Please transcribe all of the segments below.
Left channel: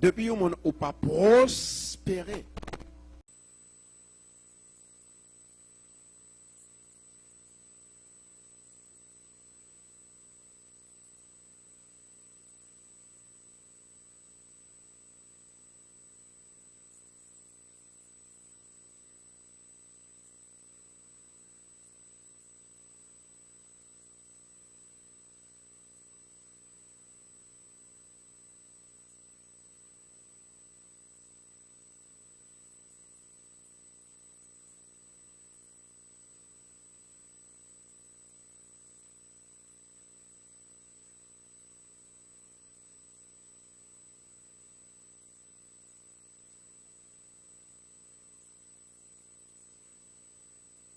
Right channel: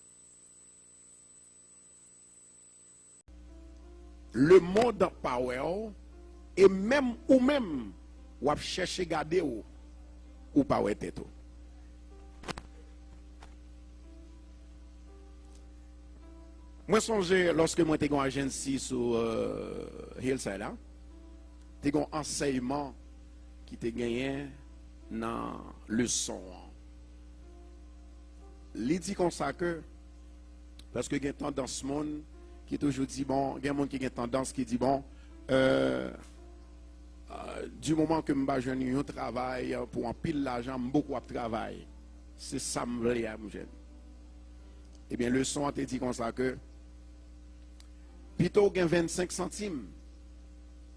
Depuis au monde ou pas prospérer. Le monde en power et même ou chercher garder ou pas être tout. Moi songe lorsque moi t'ai une agence sur Hillside là, t'ai un enseignement qui t'ai gagné dans le son. Il dit comme ça que parce que il y a une tendance monde qui toujours dit bon, il y a un monde qui a une tendance qui dit bon du moment que je suis un travail pour un pile l'argent, beaucoup de travail. C'est ça que je veux dire. Eh bien, le son a été dit comme ça que plutôt que 25 centimes,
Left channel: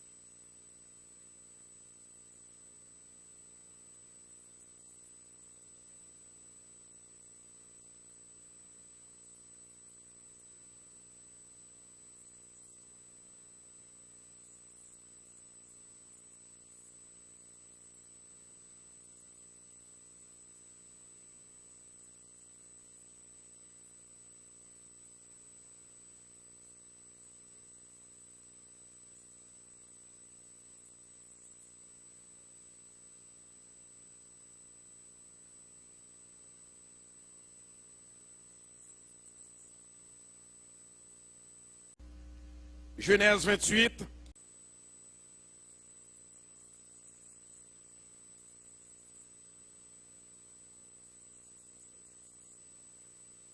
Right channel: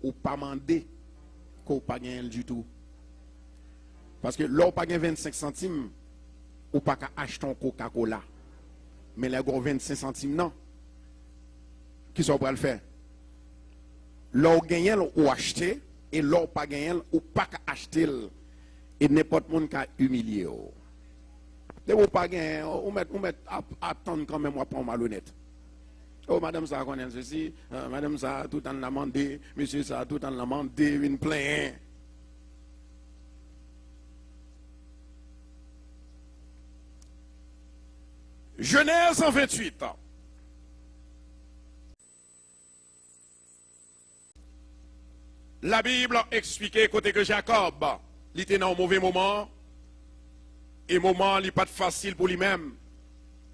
ou pas demander qu'on pas gagner du tout. Parce que là, pas gagner 25 centimes, ou pas acheter un Coca-Cola. Mais là, 25 centimes, non. Qui sont prêts à le faire? Là, on gagne ou acheter, et là, on pas gagner ou pas acheter. Et n'importe qui qui a humilié. Et vous pas gagner, ou mettre attendre quand même, ou pas malhonnête. Oh, madame, ça connaît ceci, madame, ça tout en l'a demandé, monsieur, ça tout en l'a demandé, une plainte. Genèse 28. Genèse 28. La Bible a expliqué côté que Jacob, il était dans un mauvais moment, et moment, il n'est pas facile pour lui-même.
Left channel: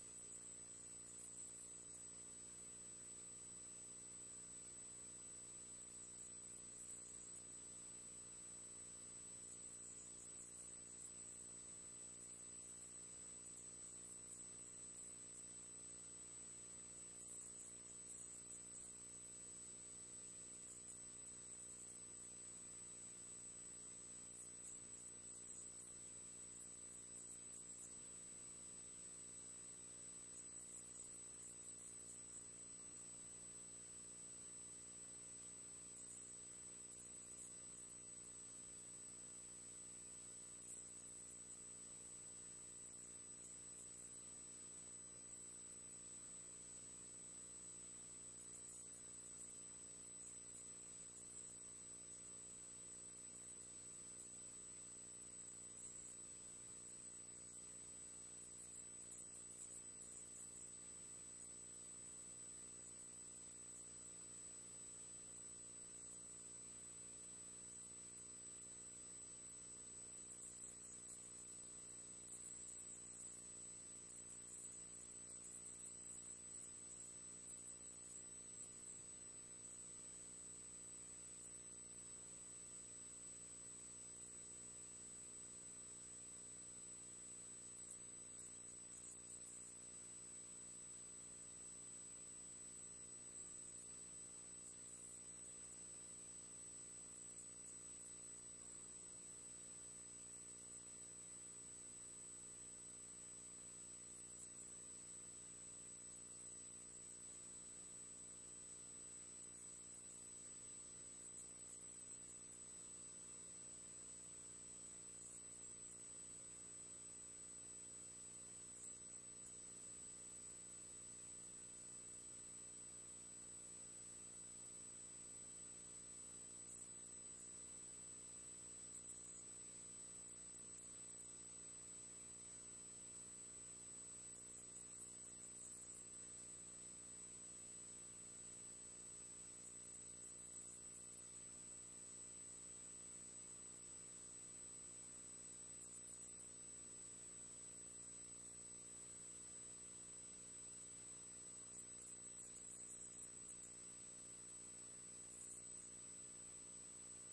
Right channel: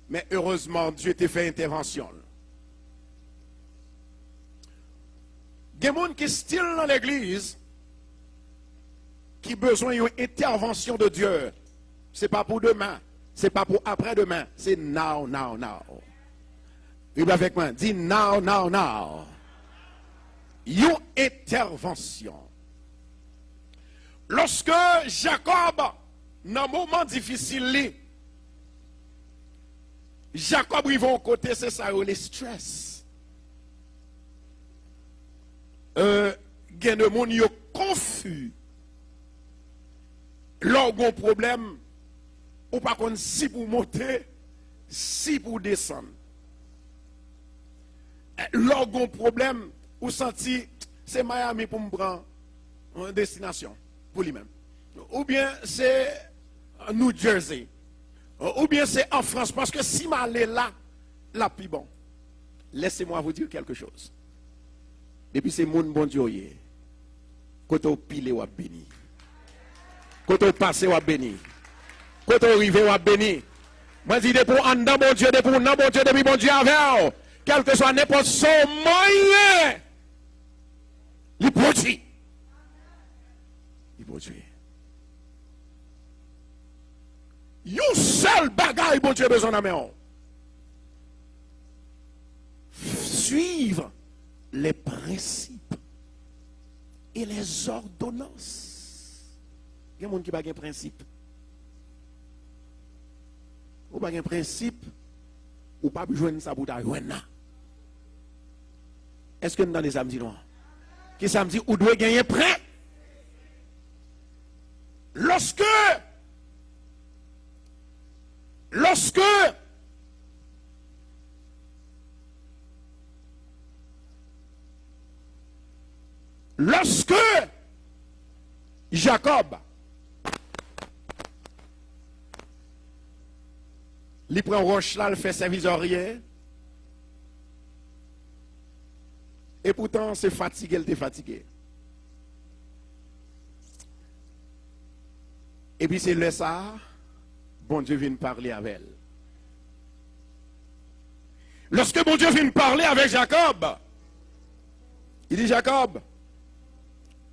Mais heureusement, Dieu t'a fait intervention. Il y a des gens qui sont dans l'église qui ont besoin d'une intervention de Dieu. Ce n'est pas pour demain, ce n'est pas pour après-demain, c'est now, now, now. Il avec moi, dis now, now, now. Une intervention. Lorsque Jacob, dans un moment difficile, Jacob il va au côté, c'est ça, le stress. Il y a des gens qui sont confus. Lorsqu'il y a un problème, ou pas contre si pour monter, si pour descendre. Lorsqu'il y a un problème, ou senti, c'est Miami pour me prendre en destination, pour lui-même. Ou bien c'est New Jersey. Ou bien c'est en France, parce que si je suis là, plus bon. Laissez-moi vous dire quelque chose. Et puis c'est mon bon Dieu. Quand on pile ou béni. Quand on passe ou béni. Quand on arrive ou béni. Moi je dis pour un bon Dieu, pour un bon Dieu, depuis bon Dieu avec. Quel que soit n'importe son moyen. Il produit. Il produit. Une seule bagaille, bon Dieu, besoin d'amener. Suivre les principes et les ordonnances. Il y a des gens qui n'ont pas de principe. Ou pas de principe, ou pas besoin de ça pour t'ajoiner. Est-ce que nous dans les samedis noirs? Qui samedi, ou doit gagner prêt? Lorsque Jacob il prend roche là, il fait service rien. Et pourtant, c'est fatigué, il est fatigué. Et puis c'est le ça, bon Dieu vient parler avec elle. Lorsque bon Dieu vient parler avec Jacob, il dit Jacob,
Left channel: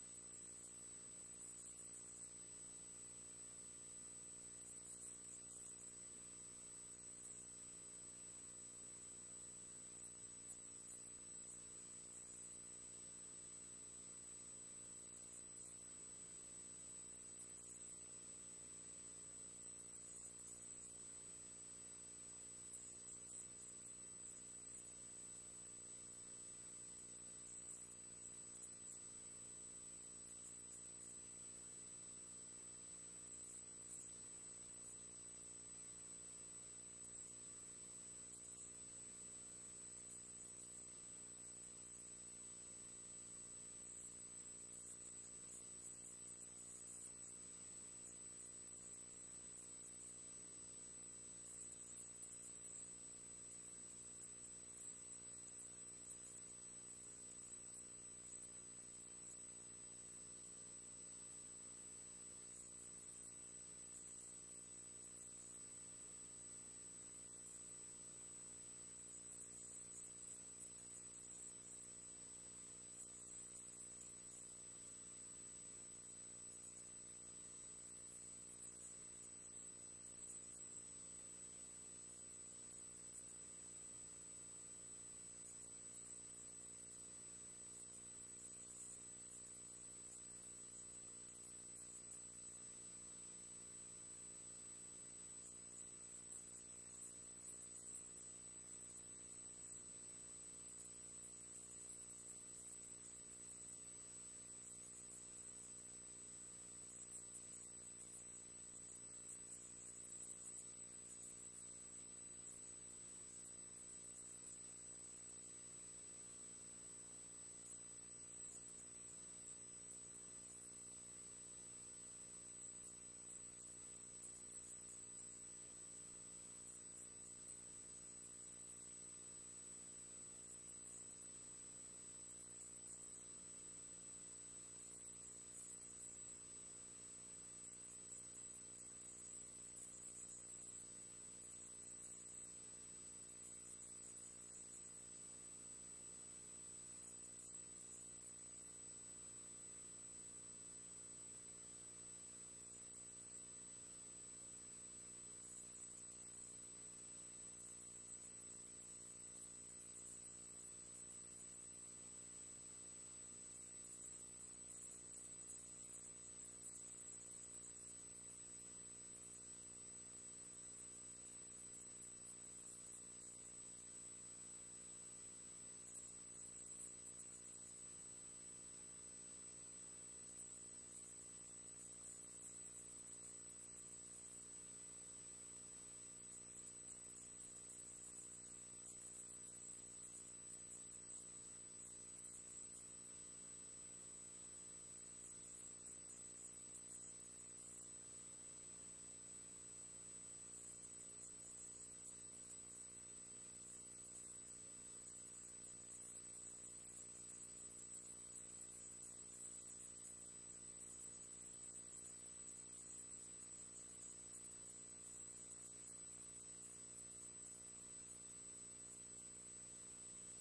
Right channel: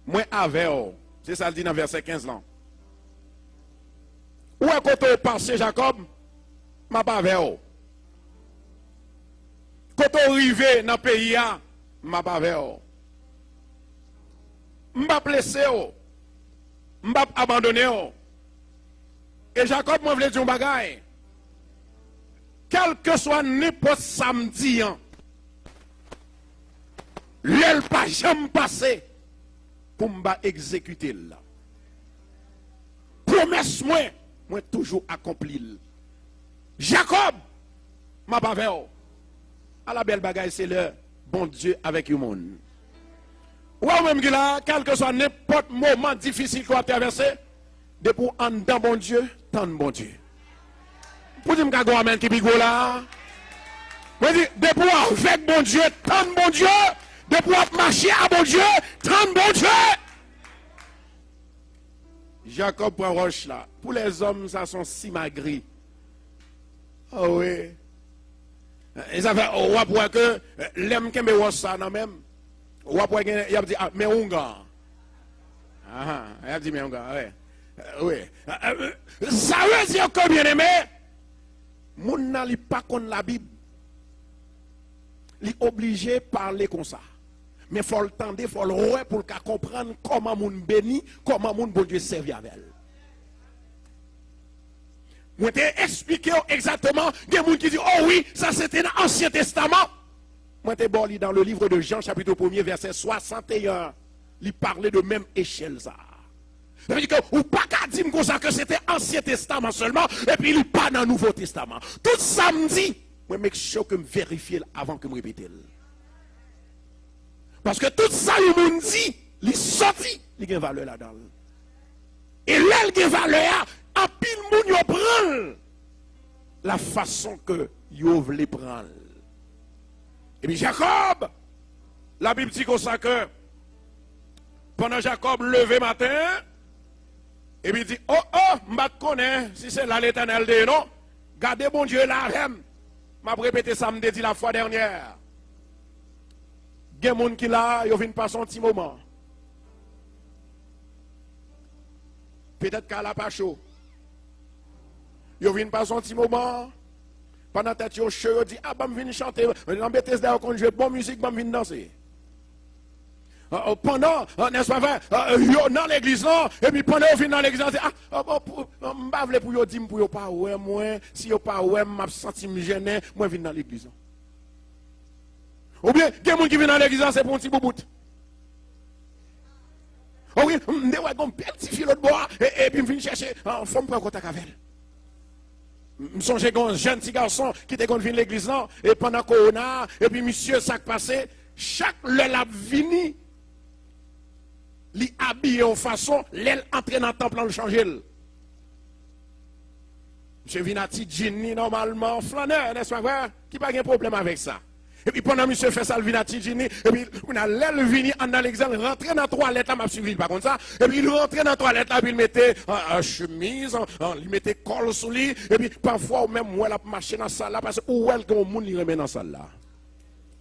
moi avec vous. C'est ça le dit dans verset 15 là. Où est-ce que tu passé Jacob? Ma pas avec vous. Quand tu arrivé dans le pays, ma pas avec vous. Je ne vais pas blesser vous. Je ne vais pas abandonner vous. Et Jacob m'a voulu dire un bagage. Quel que soit n'importe samedi, l'aile pas jamais passé pour me exécuter là. Promesse moi toujours accompli. Jacob, m'a pas fait. À la belle bagaille, c'est le bon Dieu avec le monde. Ou même que là, quel que soit n'importe moment difficile qu'on a traversé, de pour en dans bon Dieu, tant bon Dieu. Pour dire que amen qui bigo là. De pour avec bon Dieu, tant bon Dieu, de pour marcher à bon Dieu, tant bon Dieu. Jacob prend roche là. Pour les hommes, ça sont si magris. Oh oui. Ils avaient, on va voir que l'aime qui me roche ça, non même. On va voir qu'il a dit, ah, mais on gars. Ah, il a dit, mais on gars, ouais. Oui. Ça veut dire que bien aimé, mon n'a pas contre la Bible. Il est obligé de parler comme ça. Mais il faut le tendre, il faut le voir pour comprendre comment mon béni, comment mon bon Dieu servit avec elle. Je t'ai expliqué exactement, il y a des gens qui disent, oh oui, ça c'était dans l'Ancien Testament. Moi t'ai bon dans le livre de Jean, chapitre 1er, verset 61. Il parlait de même échelle ça. Ça veut dire que, ou pas qu'à dire comme ça que c'était Ancien Testament seulement, et puis il n'est pas dans le Nouveau Testament. Tout ça me dit, moi je make sure que je vérifie avant que je me répète. Parce que tout ça, le monde dit, il sorti, il y a une valeur là-dedans. Et là, il y a une valeur, en pile, moun yo prend la façon que yo voulait prendre. Et puis Jacob, la Bible dit comme ça que pendant Jacob levé matin, et puis il dit, oh, je connais, si c'est là l'Éternel de non, gardez bon Dieu là, m'a répété ça, me dit la fois dernière. Il y a des gens qui là, ils viennent passer un petit moment. Peut-être qu'elle n'a pas chaud. Ils viennent passer un petit moment. Pendant que tu es chaud, ils disent, ah, je viens chanter. Dans Bethesda, quand je joue bonne musique, je viens danser. Pendant, n'est-ce pas vrai, dans l'église, et puis pendant qu'ils viennent dans l'église, ils disent, ah, je ne vais pas pour dire, pour ne pas ouais, moi, si je ne pas ouais, je me sens gêné, moi, je viens dans l'église. Ou bien, il y a des gens qui viennent dans l'église, c'est pour un petit bout. Ou bien, je vais un petit fil de bois, et puis je viens chercher en forme pour contact avec elle. Je songe à un jeune petit garçon qui était venu à l'église, et pendant Corona, et puis monsieur, ça qui passé, chaque l'heure vini, li habillé en façon, l'aile entre dans le temple, on le change. Monsieur Vinati Ginny, normalement, flaneur, n'est-ce pas vrai? Qui n'a pas de problème avec ça. Et puis pendant monsieur fait ça, le Vinati Ginny, et puis on a l'aile vini en Alexandre, rentré dans la toilette, là, m'a suivi pas comme ça, et puis il rentrait dans la toilette, là, puis il mettait chemise, il mettait col sous lui, et puis parfois, même, où elle a marché dans la salle là, parce que où elle, quand monde, il remet dans la salle là.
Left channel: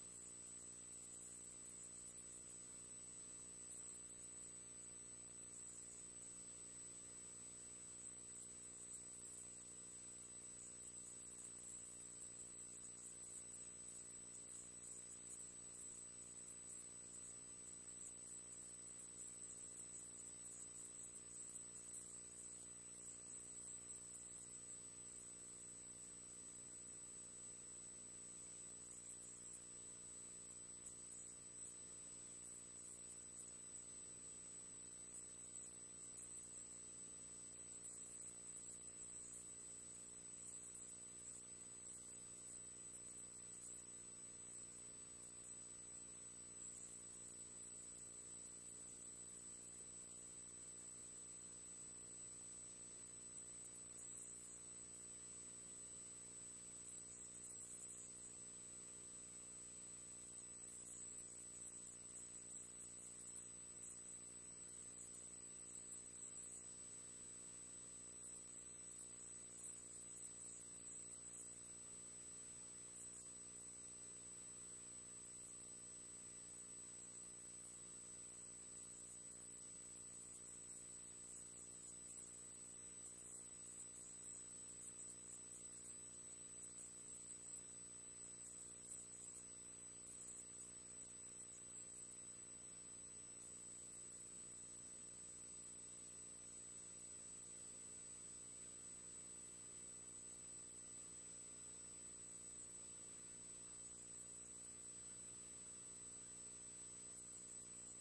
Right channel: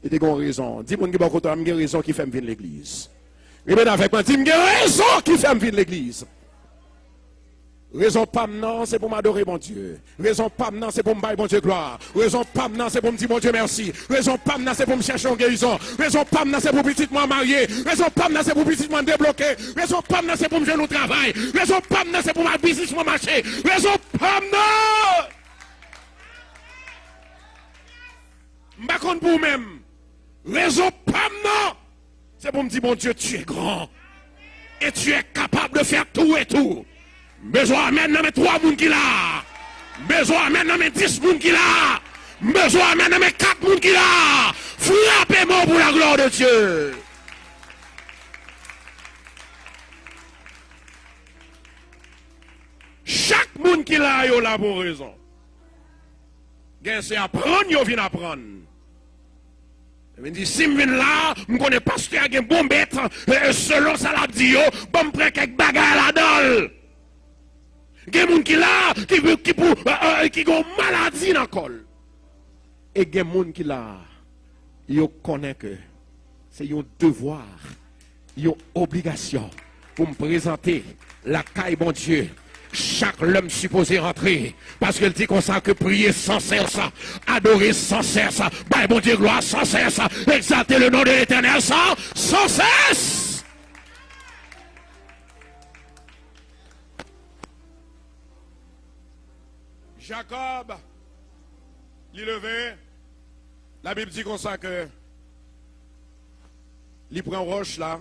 Il y a raison. Dis-moi qu'il y a une raison qui fait venir l'église. Et bien avec moi, dis-moi qu'il y a raison qui fait venir l'église. Raison pas maintenant, c'est pour m'adorer mon Dieu. Raison pas maintenant, c'est pour me bailler mon Dieu gloire. Raison pas maintenant, c'est pour me dire mon Dieu merci. Raison pas maintenant, c'est pour me chercher en guérison. Raison pas maintenant, c'est pour petitement marier. Raison pas maintenant, c'est pour petitement débloquer. Raison pas maintenant, c'est pour me jeter au travail. Raison pas maintenant, c'est pour ma business, mon marché. Raison pas maintenant. Je ne pour vous-même. Raison pas maintenant. C'est pour me dire mon Dieu, tu es grand. Et tu es capable de faire tout et tout. Besoin maintenant de 3 personnes qui là. Besoin maintenant de 10 personnes qui là. Besoin maintenant de 4 personnes qui là. Frappez-moi pour la gloire de Dieu. Chaque monde qui là, il a pour raison. C'est apprendre, il vient apprendre. Il dit, si je viens là, je connais pas ce qu'il y a un bon bête, selon ça l'a dit, je vais prendre quelques bagages là-dedans. Il y a des gens qui là, qui ont maladie dans le col. Et il y a des gens qui là, ils connaissent que c'est un devoir, une obligation pour me présenter la caille bon Dieu. Chaque homme supposé rentrer. Parce qu'il dit qu'on sait que prier sans cesse, adorer sans cesse, bah bon Dieu gloire sans cesse, exalter le nom de l'Éternel sans cesse. Jacob, il levé, la Bible dit qu'on sait que il prend roche là.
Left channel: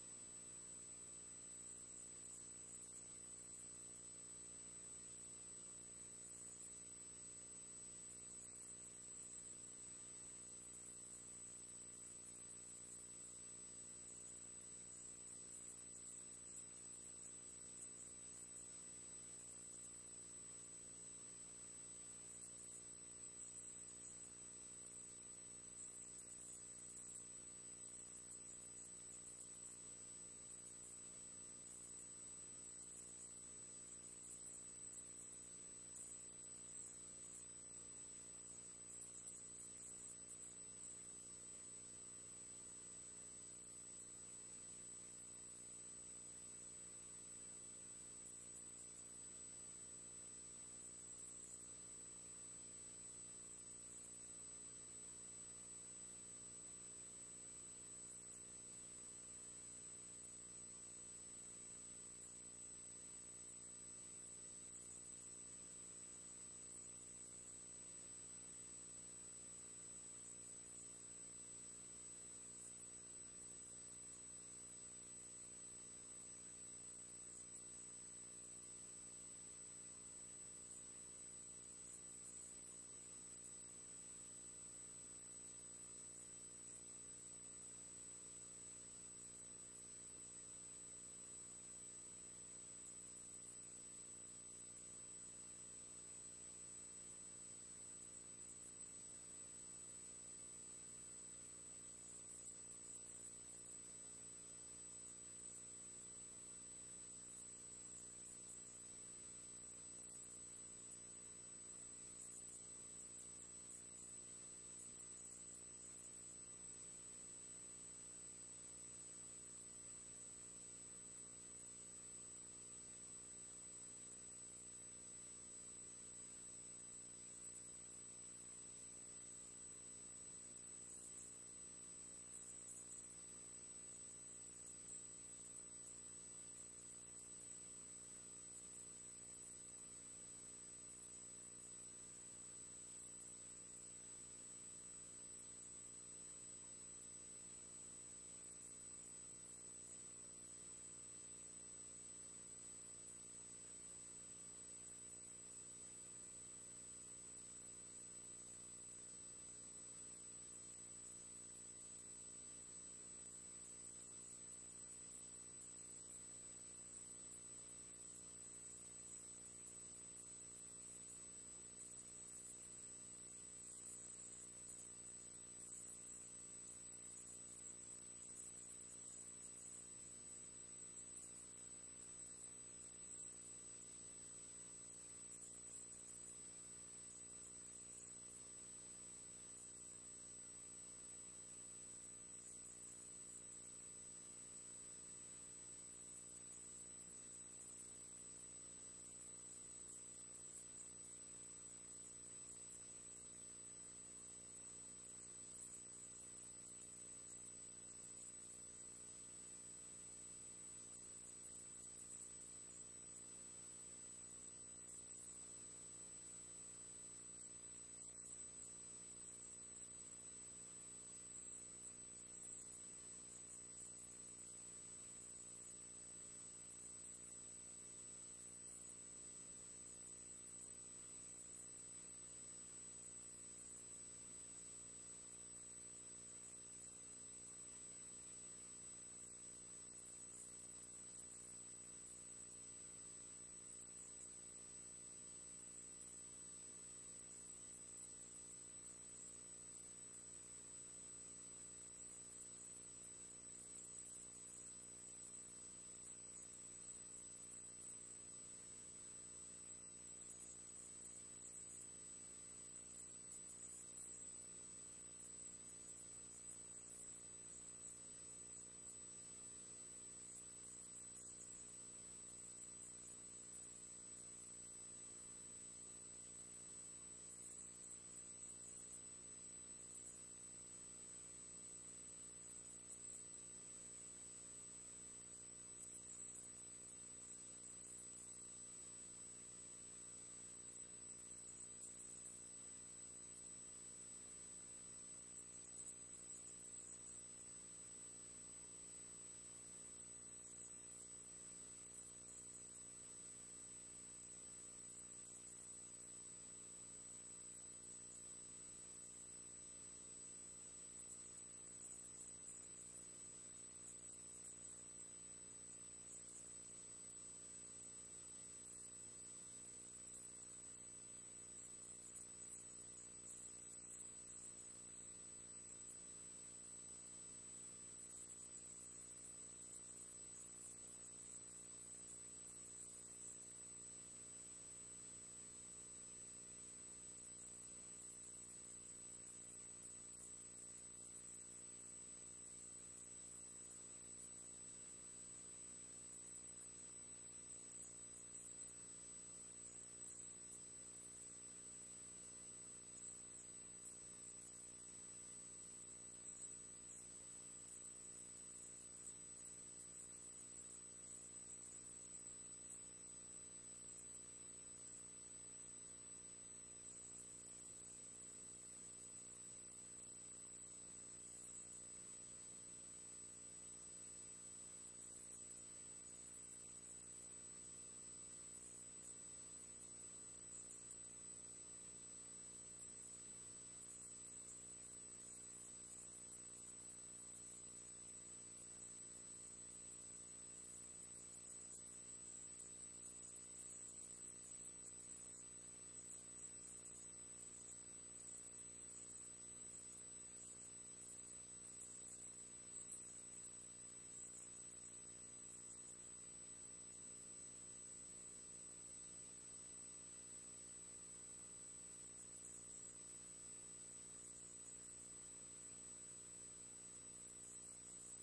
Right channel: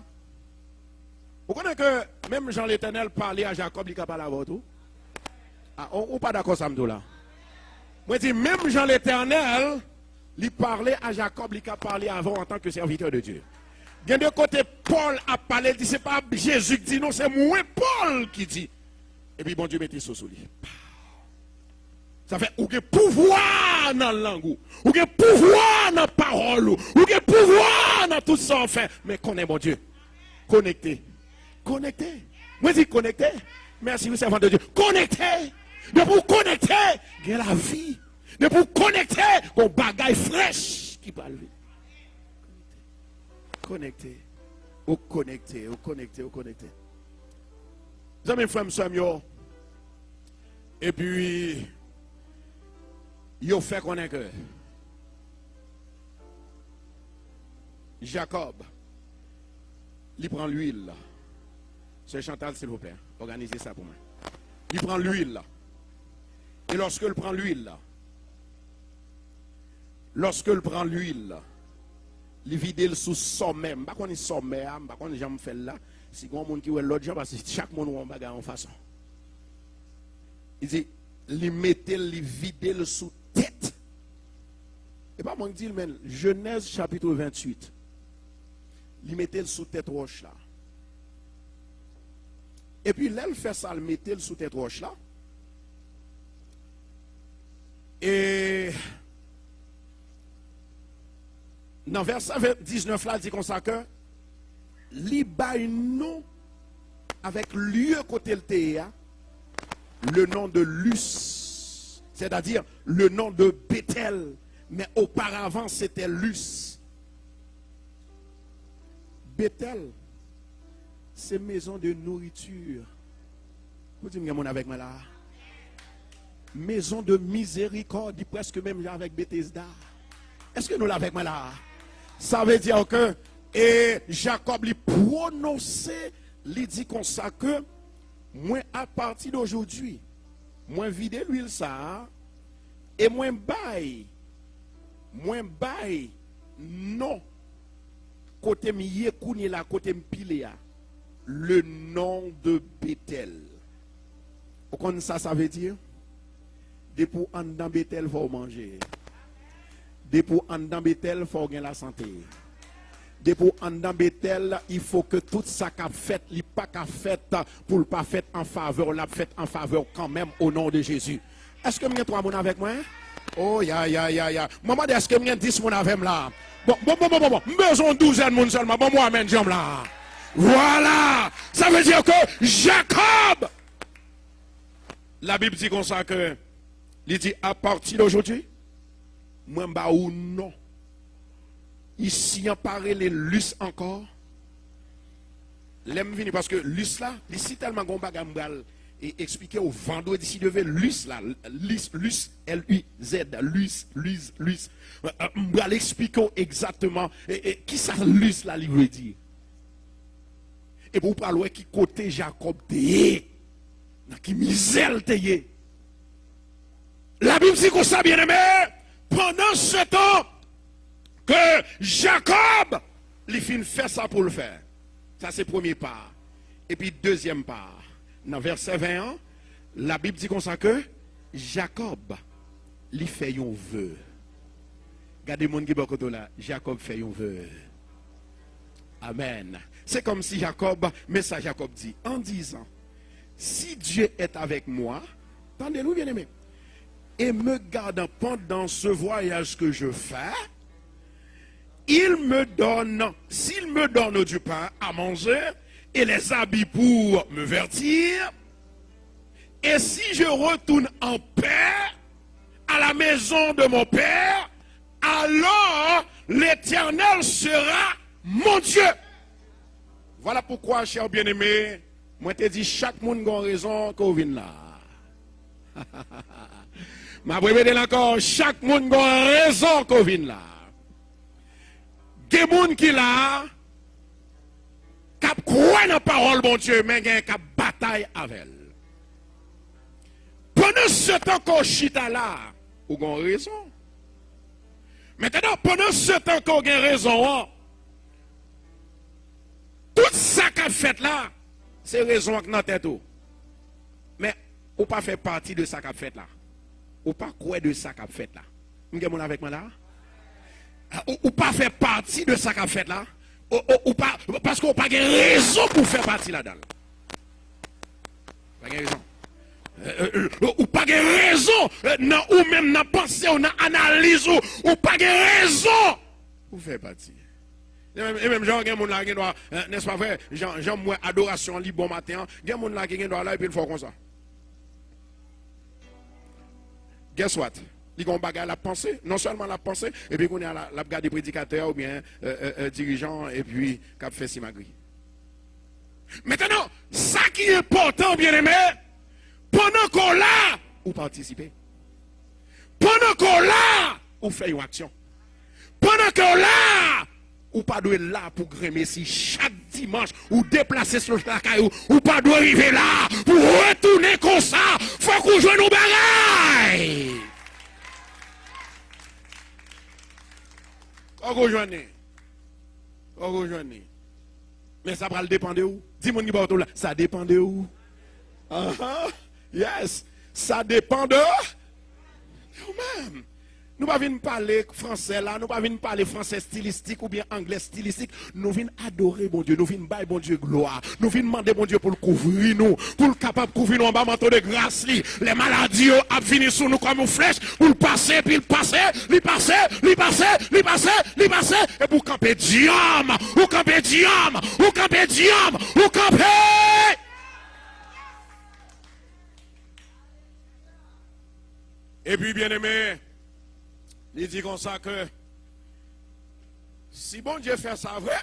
Vous connaissez que même Jean l'Éternel parlait à Jacob, il ne parle pas tout? Ah, on n'est pas d'accord ça là? Moi, je dis, même Jean l'Éternel, il parlait à Jacob, il a parlé avant en tant que serviteur de Dieu. Il y a de côté, Paul a parlé, il dit, c'est pas Jésus qui dit, non, c'est moi, Paul qui dit. Et puis, bon Dieu mettait ça sur lui. Ça fait, ou que pouvoir dans la langue, ou que pouvoir dans la parole, ou que pouvoir dans tout ça, en fait. Mais connais mon Dieu. Connecté. Connecté. Moi, je dis connecté. Merci, vous servant de Dieu. Connecté. De pour connecter, il y a la vie. De pour connecter, on bagaille fraîche qui parle. Connecté. Au connecté, au connecté, au connecté. Vous avez frère, monsieur, et puis, il fait connaître que Jacob, il prend l'huile. C'est Chantal, s'il vous plaît. Organisez ça pour moi. Il prend l'huile là. Et lorsque il prend l'huile là, il vide sous sommet. Je ne sais pas si sommet, je ne sais pas si j'aime faire là. Si il y a un qui est l'autre jour, parce que chaque monde a un bagage en façon. Il dit, il mettait, il vide sous tête. Et pas moi qui dis, mais Genèse chapitre 28. Il mettait sous tête roche là. Et puis là, il fait ça, il mettait sous tête roche là. Et dans verset 19 là, il dit comme ça que li bay nous avec lieu côté le nom de Luz, c'est-à-dire le nom de Bethel, mais auparavant c'était Luz. Bethel, c'est maison de nourriture. Vous dites mon avec moi là. Maison de miséricorde, presque même avec Bethesda. Est-ce que nous l'avons avec moi là? Ça veut dire que Jacob lui prononcé, lui dit comme ça que moi à partir d'aujourd'hui, moi vide l'huile ça et moi bail non côté miye kouni la côté mpile le nom de Bethel. Vous connaissez ça veut dire? Depuis en dans Bethel, il faut manger. Depuis en dans Bethel, il faut gagner la santé. Depuis en dans Bethel, il faut que tout ça qu'a fait, il pas qu'a fait pour le pas fait en faveur, l'a fait en faveur quand même au nom de Jésus. Est-ce que vous avez 3 personnes avec moi? Oh, ya. Maman, est-ce que vous avez 10 personnes avec moi là? Bon. Besoin de 12 personnes seulement. Bon, moi, amène, jambe là. Voilà. Ça veut dire que Jacob, la Bible dit comme ça que, il dit à partir d'aujourd'hui, moi, ou non. Ici, on parle les lus encore. L'aime venir parce que lus là, ici tellement qu'on va et expliquer au vendredi d'ici devait lus là, lus, L-U-Z, lus. On va l'expliquer exactement qui ça lus là, il veut dire. Et pour parler qui côté Jacob t'est, qui misère t'est. La Bible dit qu'on ça bien aimé, pendant ce temps, que Jacob, il fin fait ça pour le faire. Ça c'est premier part. Et puis deuxième part. Dans verset 21, la Bible dit comme ça que Jacob, il fait un vœu. Regardez mon qui est là. Jacob fait un vœu. Amen. C'est comme si Jacob, mais ça Jacob dit, en disant, si Dieu est avec moi, entendez-nous bien aimé, et me garde pendant ce voyage que je fais, il me donne, s'il me donne du pain à manger et les habits pour me vertir, et si je retourne en paix à la maison de mon père, alors l'Éternel sera mon Dieu. Voilà pourquoi, cher bien-aimé, moi te dis chaque monde a raison qu'on vienne là. Ma prévède encore, chaque monde a raison qu'on vienne là. Des gens qui là, qui croient dans la parole, bon Dieu, mais qui bataille avec elle. Pendant ce temps qu'on chita là, vous avez raison. Maintenant, pendant ce temps qu'on a raison, tout ça qu'a fait là, c'est raison que dans tête. Mais vous pas fait partie de ça qu'a fait là. ou pas quoi de ça qu'a fait là. Vous avez avec moi là? Ou pas faire partie de ça qu'a fait là? Ou pas, parce qu'on n'a pas de raison pour faire partie là-dedans. Pas de raison. Ou pas de raison, ou même dans pensée, ou dans analyse, ou pas de raison pour faire partie. Et même Jean, il y a des gens qui doit, n'est-ce pas vrai? Jean, moi, adoration, li bon matin, il y a des gens qui doit là et puis il faut comme ça. Guess what? Ils ont bagage la pensée, non seulement la pensée, et puis qu'on a la garde des prédicateurs ou bien dirigeants, et puis cap fait simagri. Maintenant, ça qui est important, bien aimé, pendant qu'on l'a, ou participer. Pendant qu'on l'a, ou fait une action. Pendant qu'on l'a, ou pas doit là pour grémer si chaque dimanche, ou déplacer sur le caillou, ou pas doit arriver là pour retourner comme ça. Faut qu'on joue nos bagailles. On rejoigne. On rejoigne. Mais ça va dépendre de où? Dis-moi qui va là. Ça dépend de où? Yes. Ça dépend de nous-mêmes. Nous ne venons pas parler français là, nous ne venons pas parler français stylistique ou bien anglais stylistique. Nous venons adorer bon Dieu, nous venons bailler bon Dieu gloire. Nous venons demander bon Dieu pour le couvrir nous, pour le capable de couvrir nous en bas manteau de grâce. Les maladies ont fini sur nous comme une flèche, pour le passer, puis le passer, et pour camper diable, ou camper diable, ou camper diable, ou camper. Et puis bien aimé, il dit comme ça que si bon Dieu fait ça vrai,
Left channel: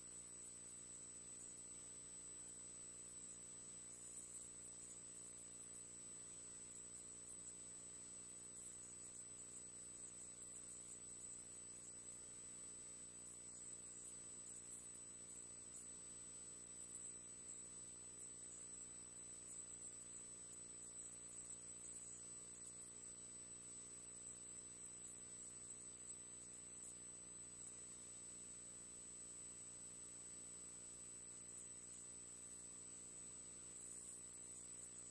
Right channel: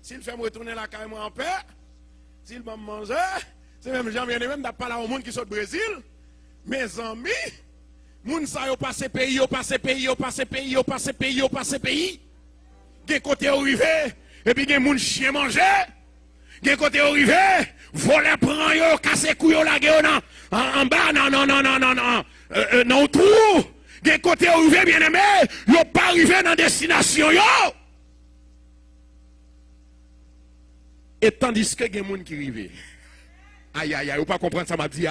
s'il fait me retourner la caille en paix, s'il va me manger, c'est même gens bien aimé, d'après là au monde qui sort du Brésil, mes amis, moun sa yo passe pays, yo passe pays, yo passe pays, yo passe pays, yo passe pays. Gen côté arrivé, et puis gen moun chien manger, gen côté arrivé, voler prend yo, casser couille la gueule en bas, non tout. Gen côté arrivé bien aimé, yo pas arrivé dans destination yo. Et tandis que gen moun qui rive. Aïe aïe aïe, ou pas comprendre ça m'a dit.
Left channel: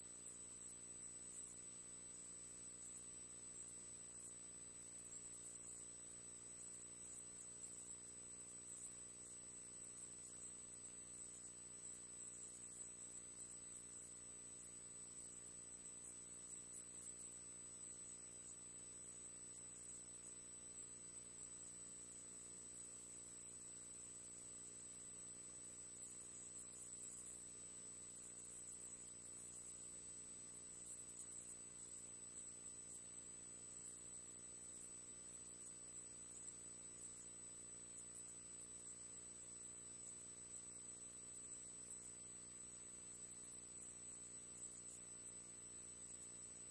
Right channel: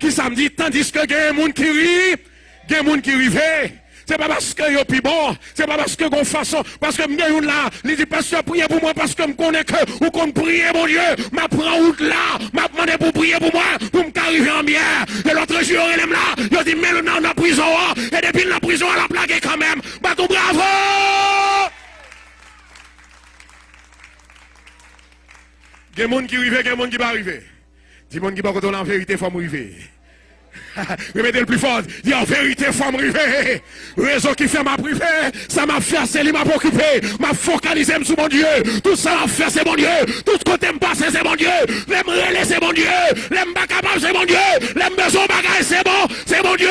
Qui ça me dit tandis que gen moun qui rive, gen moun qui rive. C'est pas parce que yo plus bon, c'est pas parce que gon façon, parce que m'gen yon là, il dit pasteur priez pour moi parce que me connais que ou qu'on prier mon Dieu, m'a prend route là, m'a demandé pour prier pour moi, pour m'arriver en bien. Et l'autre jour il est là, il dit mais dans la prison et depuis la prison elle a plaqué quand même. Bah tout bravo! Gen moun qui rive, gen moun qui pas arriver. Dis moun qui pas retourner en vérité faut m'arriver. Remettez le plus fort. Dis en vérité, il faut me river. Réseau qui fait ma privée, ça m'a fait, c'est lui m'a occupé. M'a focalisé sur mon Dieu. Tout ça m'a fait, c'est mon Dieu. Tout côté me passe, c'est mon Dieu. L'aime relais, c'est mon Dieu. L'aime pas capable, c'est mon Dieu. L'aime besoin bagaille, c'est mon Dieu.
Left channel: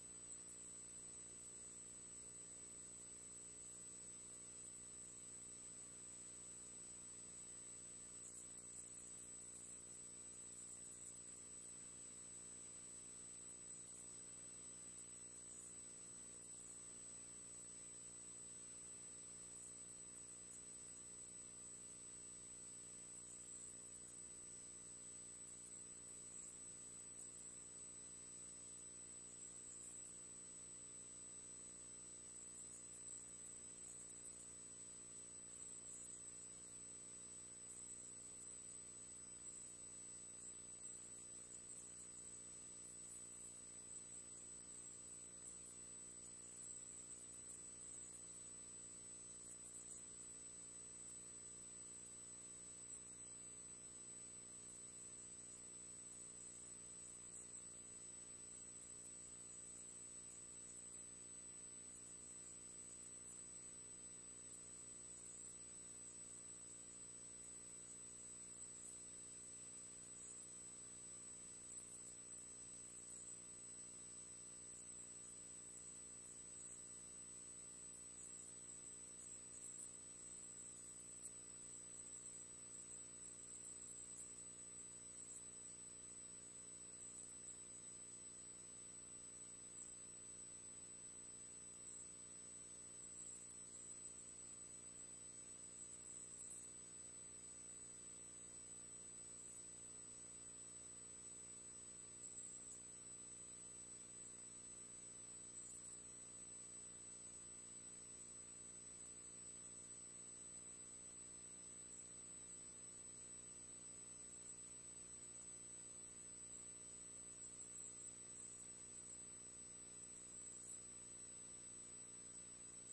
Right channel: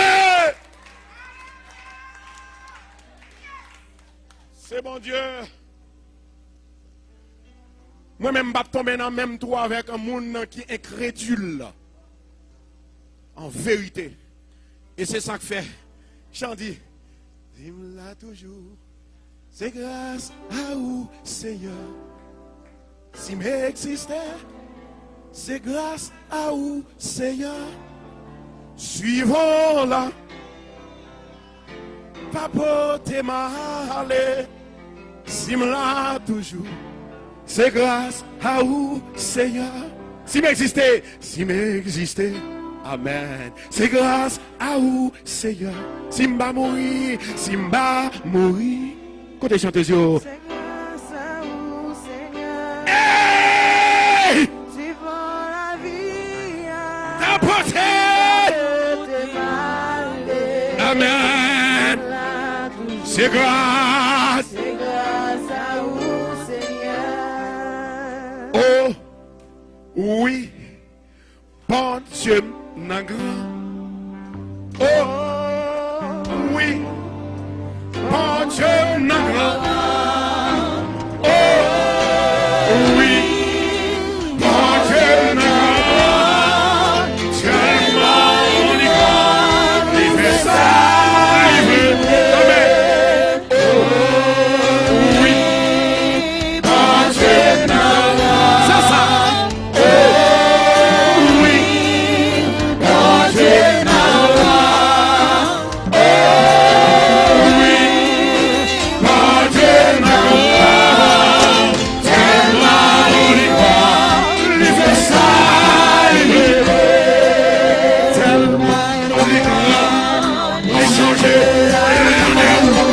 C'est mon Dieu. Moi-même, je tomber dans le même trou avec un monde qui est incrédule. En vérité. Et c'est ça que fait. J'en dis, dis-moi toujours, c'est grâce à vous, Seigneur. Si m'existait, c'est grâce à vous, Seigneur. Suivons-la. Papote malé. Si m'la toujours, c'est grâce à vous, Seigneur. Si m'existait, amen. C'est grâce à vous, Seigneur. Simba mourir, Côté chanteuse, yo. C'est grâce à vous, Seigneur. Hey! Suivant la vie. T'apporter! Amen. C'est grâce. C'est grâce à vous, Seigneur. Oh, oui. Bon Dieu. Oh, oui, bon Dieu, oh, oui, bon Dieu, tellement il fait ça, il veut, oh, oui, bon Dieu, ça, oh, oui.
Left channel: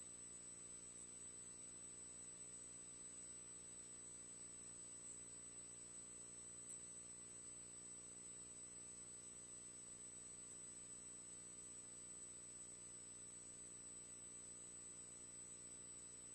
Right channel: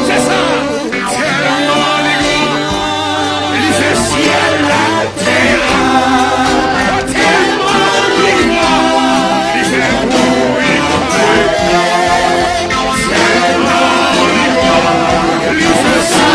C'est ça. Tellement il est grand. Il fait ciel, la terre. Tellement il est grand. Il fait bruit. Tellement il est grand. Il fait ça.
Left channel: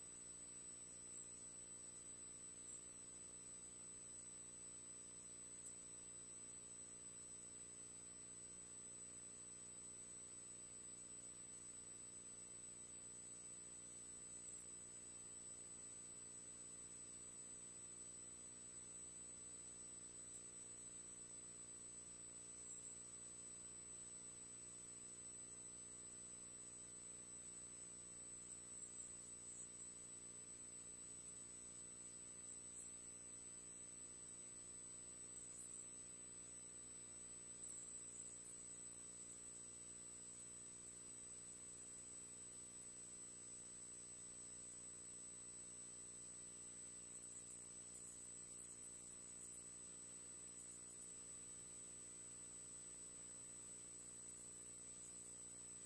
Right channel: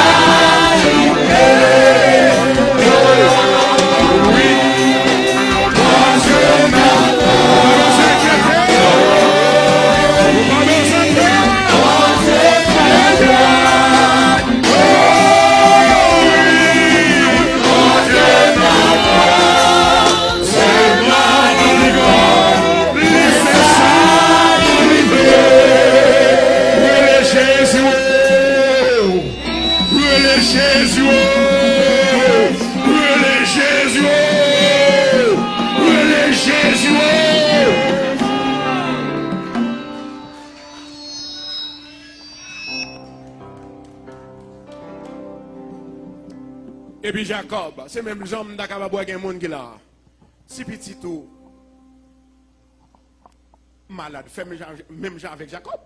Et puis Jacob, c'est même le genre d'Akaba boire un monde qui là. Si petit tout malade, fait même genre avec Jacob.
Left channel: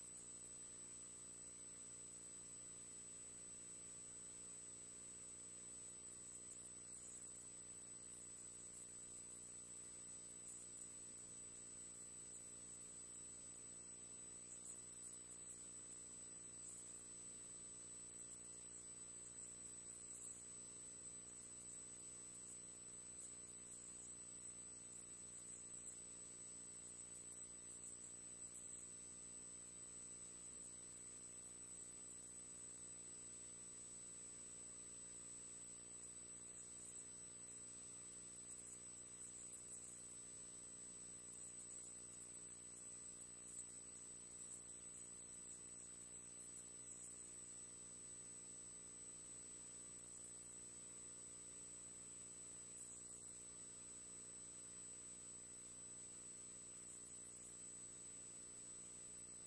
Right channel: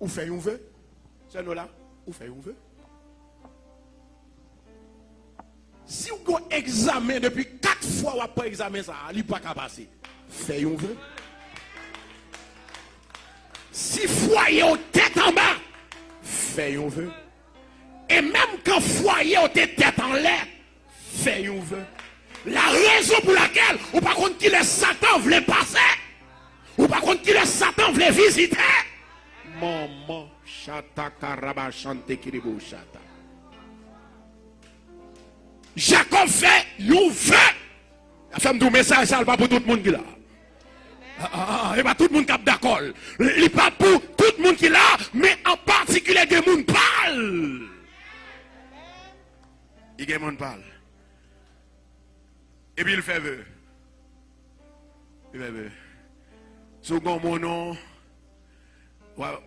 Ou fait un vœu. C'est nous là, ou fait un vœu. Si vous avez un examen depuis 4 fois, ou après examen ça, il n'est pas qu'à passer. Fait un vœu. Si foyer au tête en bas, fait un vœu. Et même quand foyer au tête en l'air, fait un vœu. La raison pour laquelle, ou par contre qui les Satan voulait passer, ou par contre qui les Satan voulait visiter. Maman, chata karaba chante kiribo chata. Jacob fait un vœu. La femme du message, ça n'est pas pour tout le monde qui l'a. Il n'y a pas tout le monde qui est d'accord. Il n'est pas pour tout le monde qui l'a, mais en particulier des gens qui parlent. Il y a des gens qui parlent. Et puis il fait vœu. Il fait vœu. Second mon nom,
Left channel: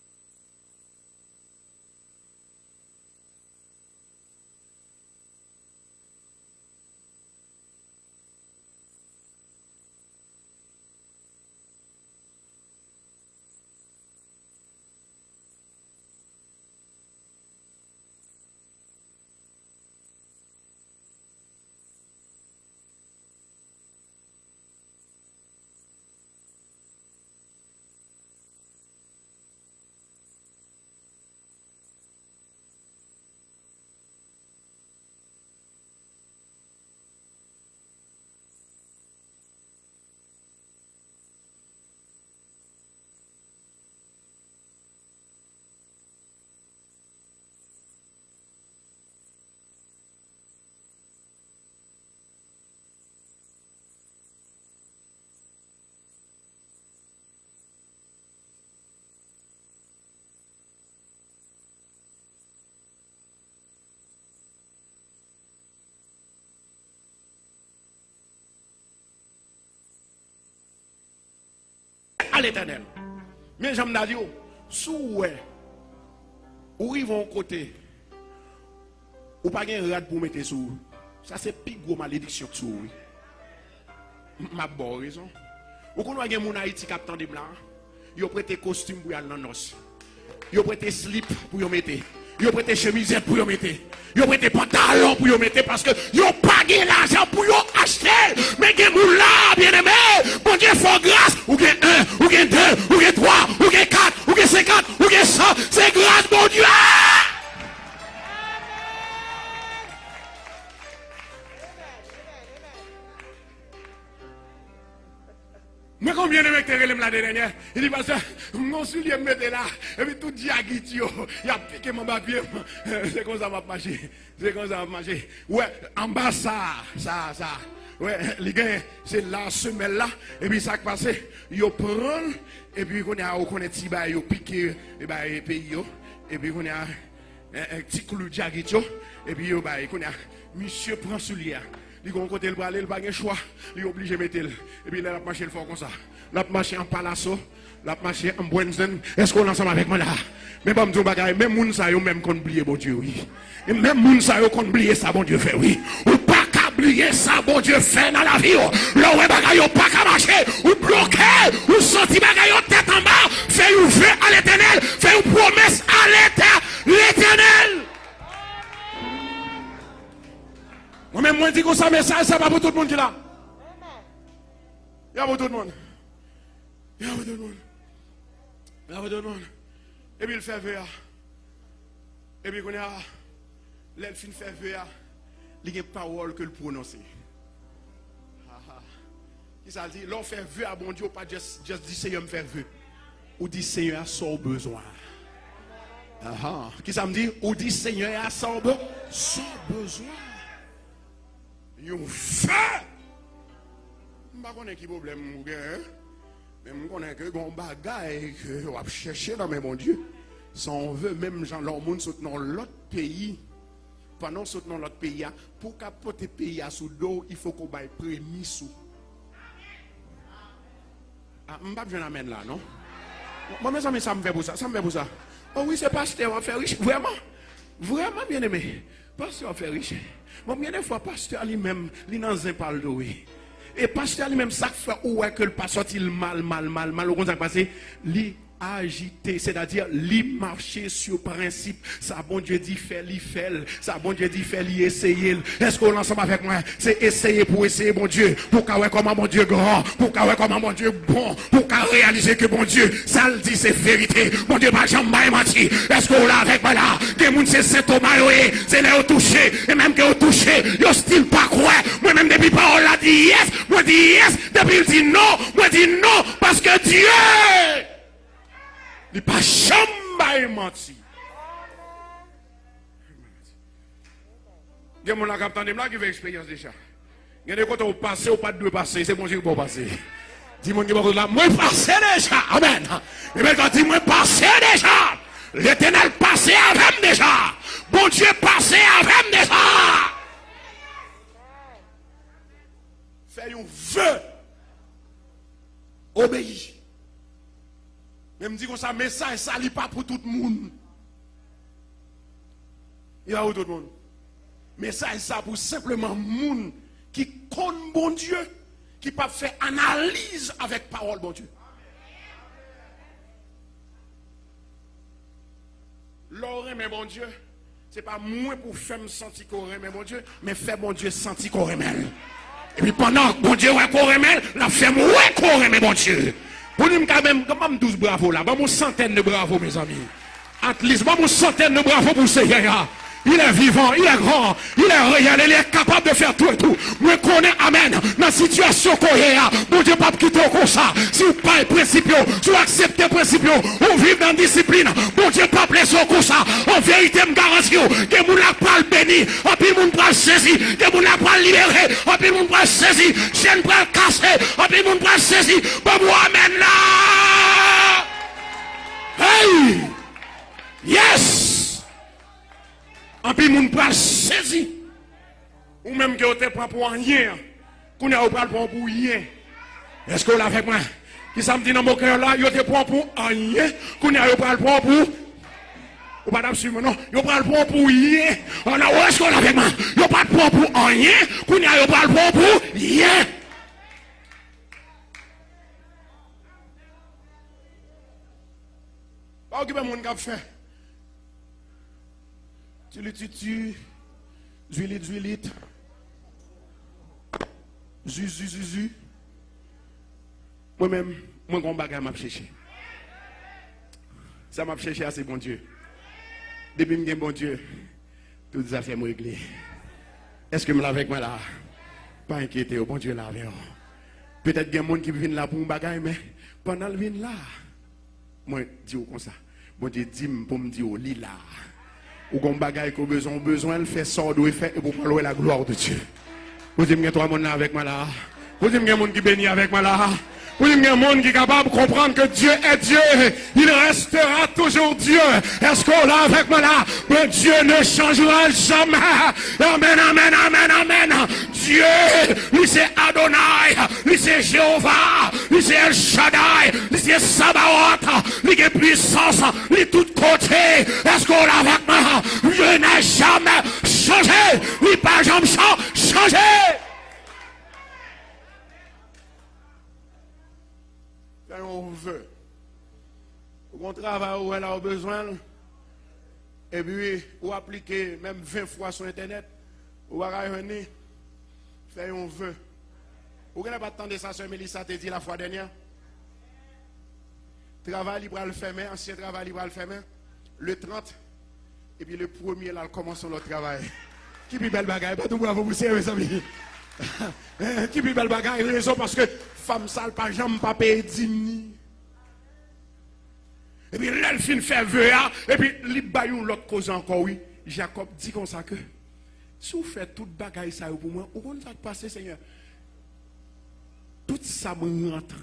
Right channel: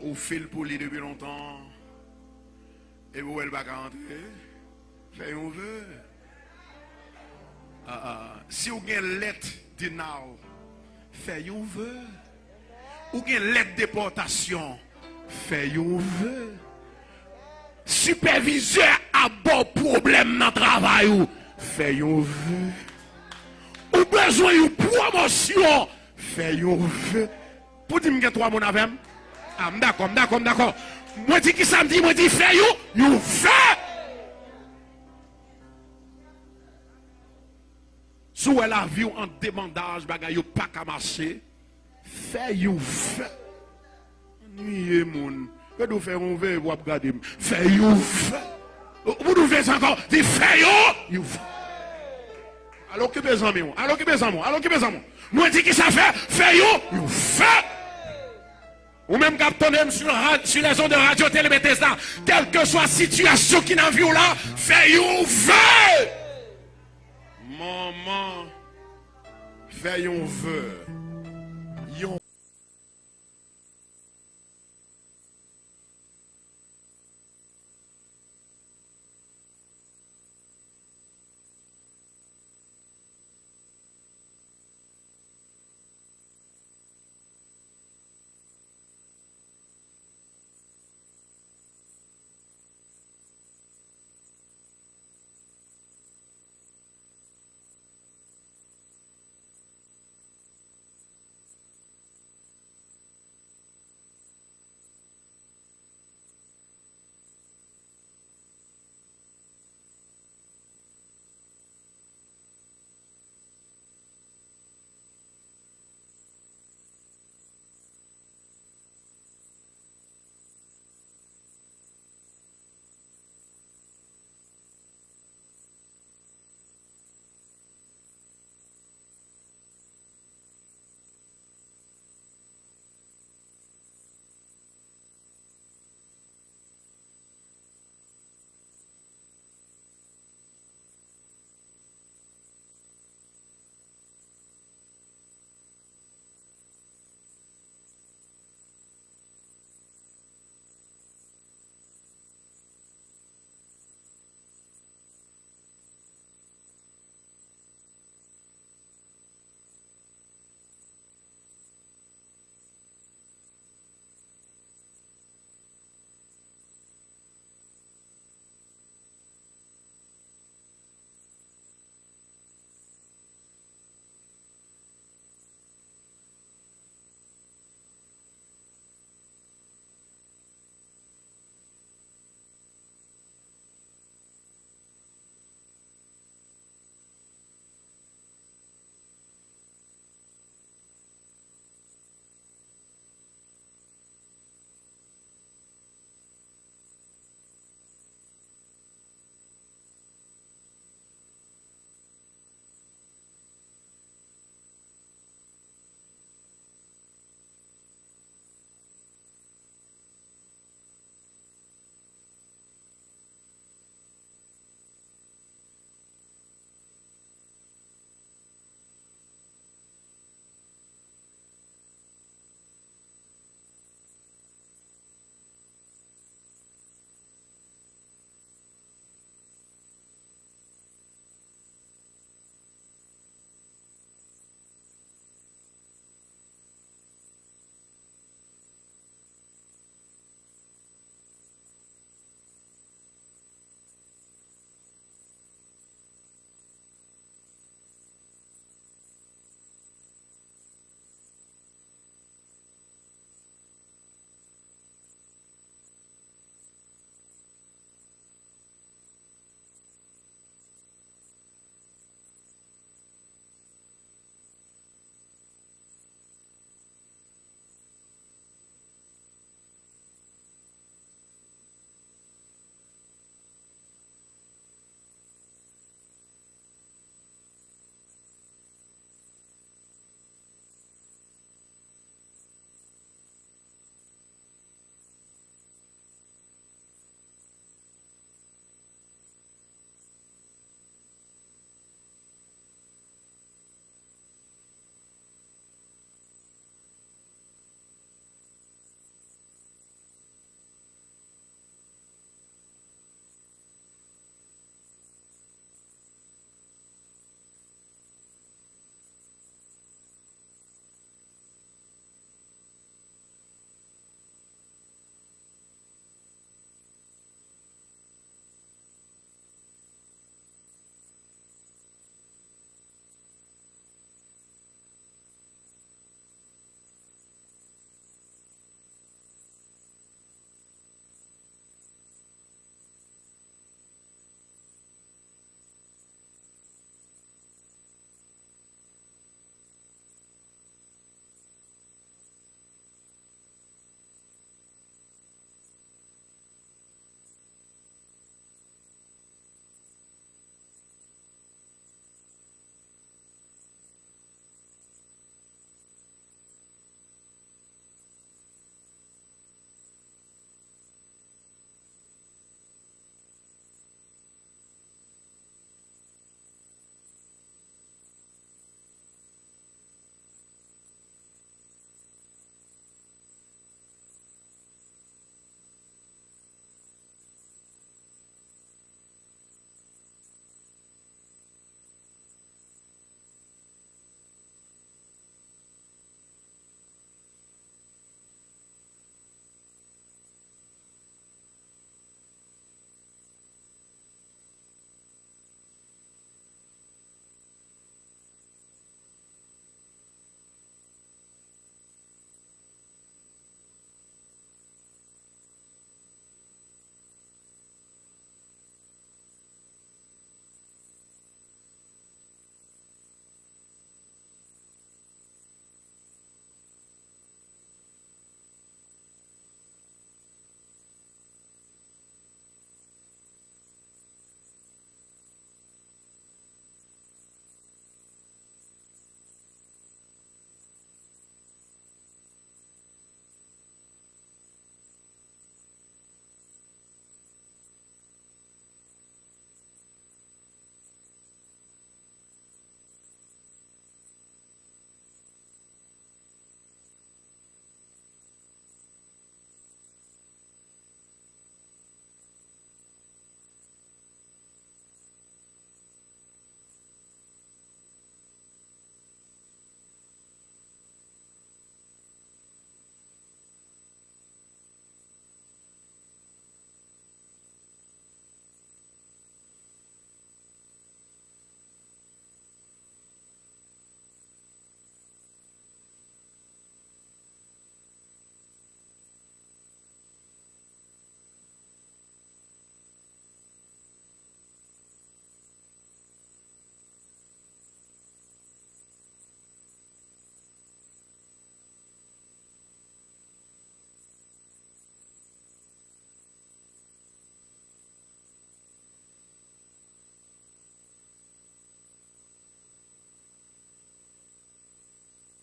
ou fait pour lui depuis longtemps. Et vous, elle va rentrer. Fait un vœu. Si vous avez une lettre de now, fait un vœu. Ou une lettre de déportation, fait un vœu. Superviseur a bon problème dans le travail, fait un vœu. Ou besoin d'une promotion, fait un vœu. Pour dire que je suis 3 mois avec moi. D'accord. Moi, dis qui ça me dit, moi, dis, fait un vœu. Si elle a vu en demandage, bagay yo pas qu'à marcher, fait un vœu. Nuye moun. Que nous faisons un vœu pour regarder. Fait un vœu. Vous nous faites encore, dis fait un vœu. Alors que besoin moi. Moi dis qui ça fait un vœu. Ou même captonner sur les ondes de radio télé Bethesda, quelle que soit la situation qui n'a vu là, fait un vœu. Maman, fait un vœu. À l'éternel. Mais j'aime dire, sous ou ils vont côté, ou pas un rad pour mettre sous. Ça c'est plus gros malédiction que sous. Ma bonne raison. Ou qu'on a un Haïti qui attend des blancs, ils ont prêté costume pour aller dans nos. Ils ont prêté slip pour y mettre. Ils ont prêté chemisette pour y mettre. Ils ont prêté pantalon pour y mettre parce que ils n'ont pas l'argent pour y acheter. Mais ils ont là, bien aimé. Bon Dieu, faut grâce. Ou bien 1, ou bien 2, ou bien 3, ou bien 4, ou bien 50, ou bien 100. C'est grâce, mon Dieu. Mais combien de mecs t'es la dernière? Il dit parce que mon soulier me mettait là, et puis tout diagitio, il a piqué mon papier. C'est comme ça va marcher. Ouais, en bas ça. Ouais, les gars, c'est la semelle là, et puis ça qui passe, il prend, et puis on a petit bail, il piqué, et puis pays, et puis on a un petit clou diagitio, et puis on a, monsieur prend soulier. Il va côté le bras, il n'a pas de choix. Il est obligé de mettre. Et puis il a marché le fort comme ça. Il a marché en Palasso. Il a marché en Buenzen. Est-ce qu'on est ensemble avec moi là? Mais bon, même moun sa yo même qu'on oublie, bon Dieu, oui. Et même moun sa yo qu'on oublie ça, bon Dieu, fait oui. Ou pas qu'à oubliez ça, bon Dieu fait dans la vie. Là où bagaille pas qu'à marcher, ou bloqué, ou senti bagaille tête en bas, fait une vœu à l'éternel, fait une promesse à l'éternel. Moi-même, moi, je dis que ça message, ça va pour tout le monde qui est là. Il y a pour tout le monde. Il y a pour tout le monde. Il y a pour tout le monde. Et puis il fait vœu. Et puis, quand il a l'elfine fait vœu, il y a une parole que le prononcer. Qui ça dit? L'on fait vœu à bon Dieu, pas juste dire Seigneur me fait vœu. Ou dit Seigneur a son besoin. Qui ça me dit? Ou dit Seigneur a son besoin. Yon fait. Je ne sais pas qui problème ou bien. Mais je connais que gon bagaille que on va chercher dans mes mon Dieu. Si on veut même gens leur monde soutenir l'autre pays. Pendant soutenir l'autre pays, pour capoter pays à sous dos, il faut qu'on baille prémis sous. Ah, je ne vais pas amène là, non? Moi, mes amis, ça me fait pour ça. Ça me fait pour ça. Oh oui, c'est pasteur, on va faire riche. Vraiment, vraiment bien aimé. Pasteur, on va faire riche. Bon, bien des fois, pasteur lui-même, il n'a pas le dos. Et pasteur lui-même, ça fait ouais que le pasteur il mal. Au contraire, passé, lui agité, c'est-à-dire lui marcher sur principe. Ça, bon Dieu dit, fait. Ça, bon Dieu dit, fait, essayer. Est-ce qu'on l'ensemble avec moi? C'est essayer pour essayer, bon Dieu. Pour qu'on voit comment mon Dieu grand. Pour qu'on voit comment mon Dieu bon. Pour qu'on réalise que bon Dieu, ça le dit, c'est vérité. Mon Dieu, pas jamais menti. Est-ce qu'on l'a avec moi là? Des gens, c'est Saint Thomas, c'est les touché. Et même que touché, ils style pas quoi. Moi-même, depuis parole là, dit yes. Moi, dit yes. Depuis il dit non. Moi, dit non. Parce que Dieu, il pas jamais menti. Il y a mon capitaine là qui veut expérience déjà. Il y a des côtés où passer ou pas de passer, c'est bon Dieu pour passer. Dis-moi qui va là, moi passer déjà. Amen. Et bien quand dis-moi passer déjà. L'Éternel passé avec déjà. Bon Dieu passé avec déjà. Fais un vœu. Obéis. Mais me dit que ça message ça n'est pas pour tout le monde. Il y a pour tout le monde. Message ça pour simplement monde qui connaît bon Dieu, qui pas fait analyse avec parole bon Dieu. L'oreille mais bon Dieu, c'est pas moins pour faire me sentir qu'on remet bon Dieu, mais faire bon Dieu sentir qu'on remet. Et puis pendant que bon Dieu ouais qu'on remet, la fait moi qu'on remet bon Dieu. Pour nous, quand même 12 bravo là, une centaine de bravo, mes amis. At least, une centaine de bravo pour ce gars. Il est vivant, il est grand, il est réel, il est capable de faire tout et tout. Moi, connais, amen, dans la situation qu'on est, bon Dieu, pas quitter comme ça. Si vous pas les principes, si vous acceptez les principes, vous vivez dans la discipline, bon Dieu, pas laisser comme ça. En vérité, je garantis que vous n'avez pas le béni, en plus, vous n'avez pas le saisi, que vous n'avez pas le libéré, en plus, vous n'avez pas le saisi, je ne pas le casser, en plus, vous n'avez pas le saisi. Bon, vous amen là. Hey! Yes! En plus, moun pral saisi. Ou même que vous te prend pour rien. Qu'on a pral pour rien. Est-ce que vous l'avez avec moi? Qui ça me dit dans mon cœur là, vous te prend pour rien. Qu'on a pral pour ou pas d'absolument non. Vous pral pour rien. Alors, est-ce que vous l'avez avec moi? Vous pas prend pour rien. Qu'on a pral pour rien. Pas occuper mon cap fait. Tu, huilite. Zu. Moi-même, mon grand bagage m'a cherché. Ça m'a cherché assez bon Dieu. Depuis que j'ai bon Dieu, toutes les affaires m'ont réglé. Est-ce que je l'avais avec moi là? Pas inquiété, bon Dieu là avec moi. Peut-être qu'il y a des gens qui viennent là pour un bagage, mais pendant le vin là, moi, je dis comme ça. Bon Dieu dit pour me dire, lit là. Ou qu'on bagaille qu'on besoin, fait sort doit faire et pour parler la gloire de Dieu. Vous dites que toi mon avec moi là. Vous dites que monde qui bénit avec moi là. Vous dites que monde qui est capable de comprendre que Dieu est Dieu. Il restera toujours Dieu. Est-ce qu'on l'a avec moi là? Mais Dieu ne changera jamais. Amen. Dieu, lui c'est Adonai, lui c'est Jéhovah, lui c'est El Shaddai, lui c'est Sabaoth, lui est puissance, lui tout côté. Est-ce qu'on l'a avec moi? Dieu n'a jamais changé, lui pas jamais changé. Mon travail où elle a besoin. Et puis, ou appliquer même 20 fois sur Internet. Ou à revenir, faire un vœu. Vous n'avez pas attendre ça, Sœur Mélissa t'a dit la fois dernière. Travail libre à le faire, ancien travail libre à le faire, le 30. Et puis le premier, là, commence le travail. Qui puis belle bagaille, pas tout bravo, vous savez, mes amis. Qui puis belle bagaille, raison parce que femme sale, pas jamais pas payer 10 000. Et puis l'elfine fait vœu, et puis il baille l'autre cause encore, oui. Jacob dit comme ça que, si vous faites toute bagaille ça pour moi, où est-ce que ça passe, Seigneur? Tout ça me rentre.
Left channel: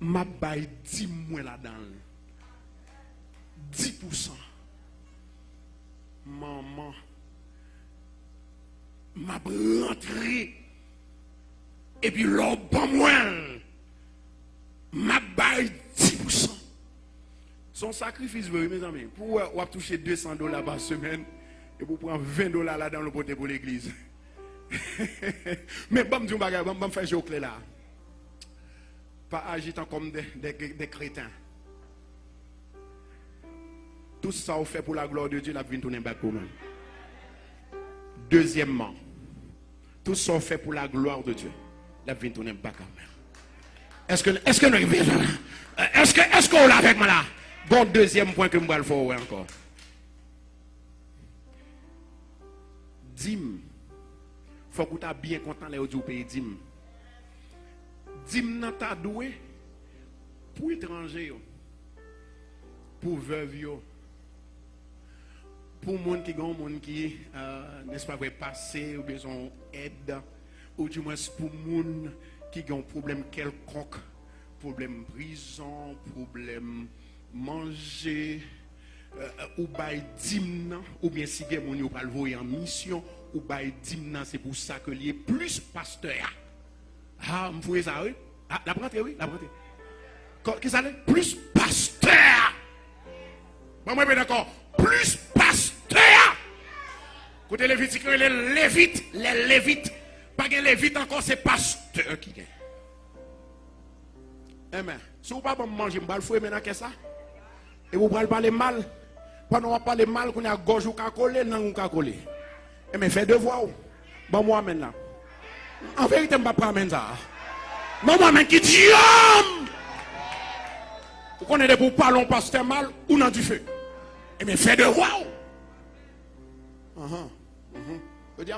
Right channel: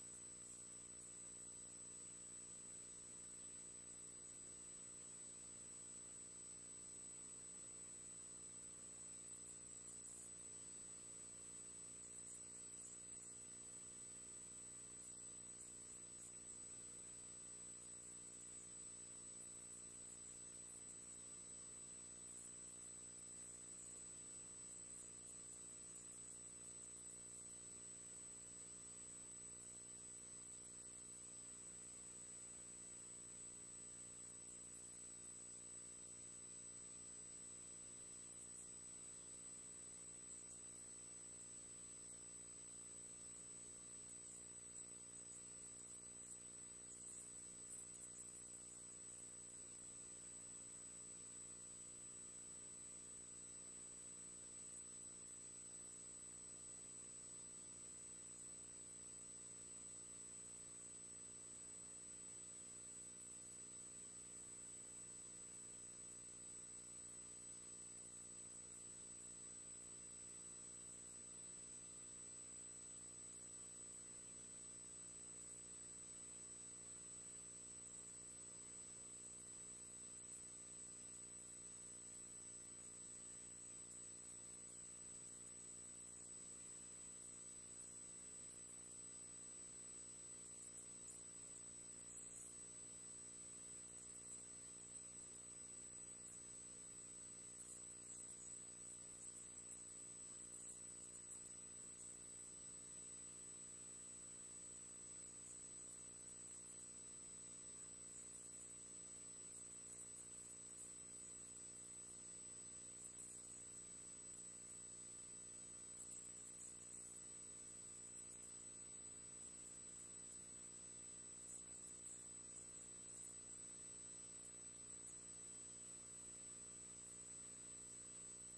Ma baille 10 mois là-dedans. 10%. Maman. Ma rentré. Et puis l'autre bon moi. Ma baille 10%. Son sacrifice, mes amis, pour toucher $200 par semaine et pour prendre $20 là dans le poté pour l'église. Mais bon, je vais faire jouer au clé là. Pas agitant comme des crétins. Tout ça on fait pour la gloire de Dieu, la vie tourner back pour nous. Deuxièmement, tout ça on fait pour la gloire de Dieu, la vie tourner back à moi. Est-ce qu'on l'a avec moi là? Bon, deuxième point que je vais le faire encore. Dîme. Il faut que tu aies bien content les autres pays dîme. Dîme n'a pas doué pour étrangers, pour veuves, pour les gens qui n'est-ce pas, passer ou besoin d'aide, ou du moins pour les gens qui ont un problème quelconque, problème prison, problème manger, ou bail dîme, ou bien si vous avez pas le voyer en mission, ou bail dîme, c'est pour ça que il y a plus pasteur. Ah, vous voyez ça, oui? Ah, la prendre, oui, la prendre. Qu'est-ce que ça plus pasteur. Bon, moi, d'accord. Plus pasteur. Côté Lévitique, les Lévites. Pas que Lévites encore, c'est pasteur qui gagne. Amen. Si vous ne pouvez pas manger, vous allez faire maintenant ça. Et vous allez parler mal. Pendant que parler mal, qu'on a gauche ou qu'à coller, non ou qu'à coller. Mais faites devoir. Bon, moi, maintenant. En vérité, je ne vais pas prendre ça. Bon, moi, qui dit, vous connaissez pour parler pasteur mal ou dans du feu. Mais faites devoir. Je dis,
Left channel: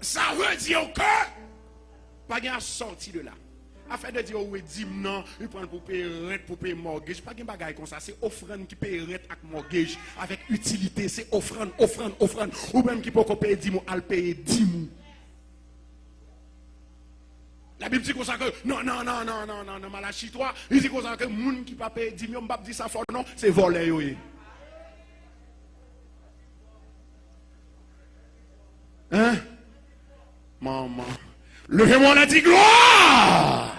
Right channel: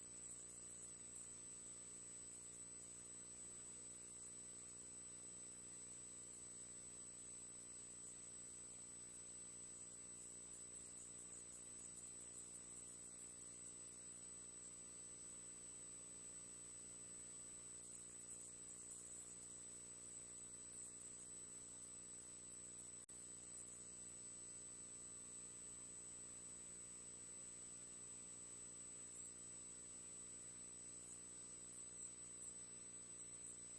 ça veut dire que pas de sortie de là. Afin de dire oui, dîme non, il prend pour payer rente, pour payer mortgage, pas de bagaille comme ça, c'est offrande qui paye rente avec mortgage avec utilité, c'est offrande ou même qui peut payer dîme à payer dîme. La Bible dit comme ça que non, Malachie 3, il dit comme ça que les gens qui ne pas payer dîme, on ne pas dire ça fort non, c'est voler oui. Hein? Maman. Levez-moi la dit gloire.